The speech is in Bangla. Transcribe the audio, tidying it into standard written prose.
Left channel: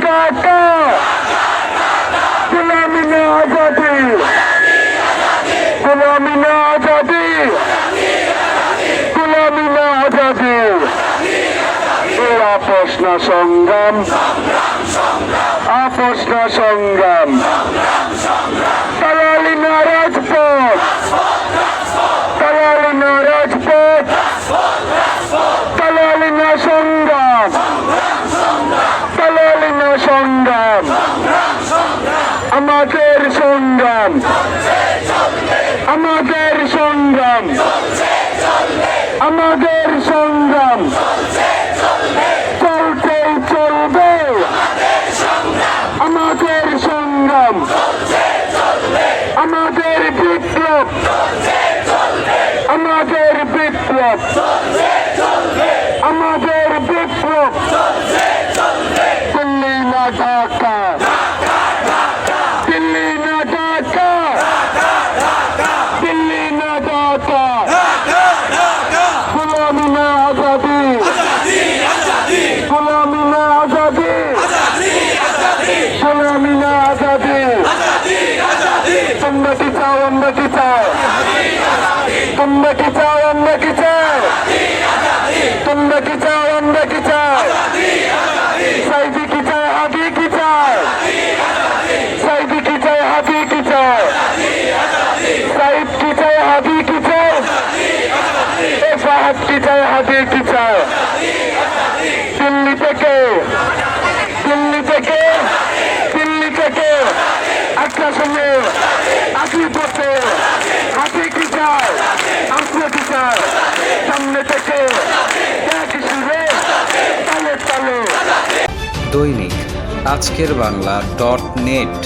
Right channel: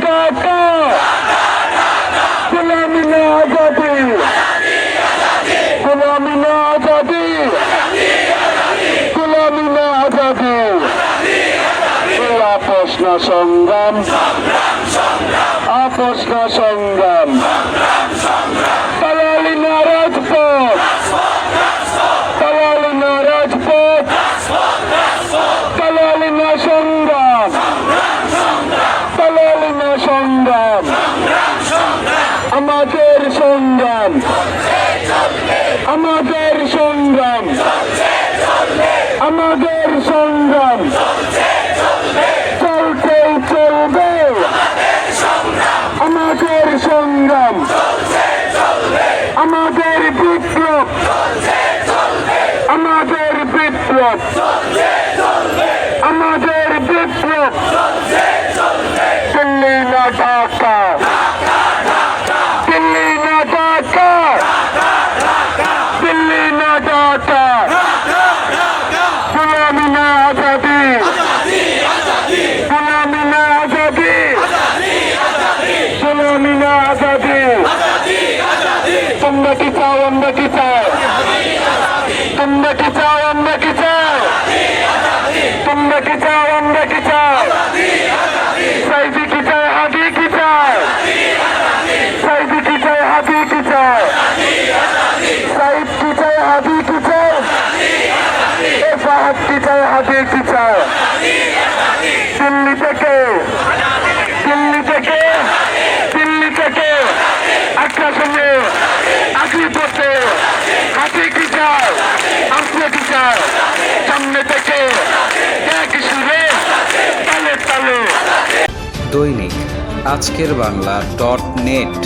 ঢাকা গোলামি না আজাদি গোলামি না আজাদি গোলামি না আজাদি এই আপোষ না সংগ্রাম আপোষ না সংগ্রাম দালালি না রাজপথ দালালি না রাজপথ দালালি না সংগ্রাম দালালি না সংগ্রাম আমাদের সংগ্রাম আমাদের সংগ্রাম আমাদের সংগ্রাম চলতেই চলবে আমাদের সংগ্রাম আমাদের বিপ্লব আমাদের বিপ্লব আমাদের বিপ্লব দিল্লি না ঢাকা দিল্লি না ঢাকা দিল্লি না ঢাকা গোলামি না আজাদি গোলামি না আজাদি গোলামি না আজাদি তোমরা কি চাও আমরা কি চাই তোমরা কি চাও আমরা কি চাই তোমরা কি চাও আমরা কি চাই সাইদি কি চায় হাদি কি চায় সাইদি কি চায় হাদি কি চায় সাইদ কি চায় হাদি কি চায় ফাহাদ কি চায় হাদি কি চায় দিল্লি থেকে দিল্লি থেকে দিল্লি থেকে আগ্রাসনে আগ্রিতে হাদি কি চায় আসলে কি চায় সামনে থেকে কি শুনে তালে তালে দৈনিক আজকের বাংলা .net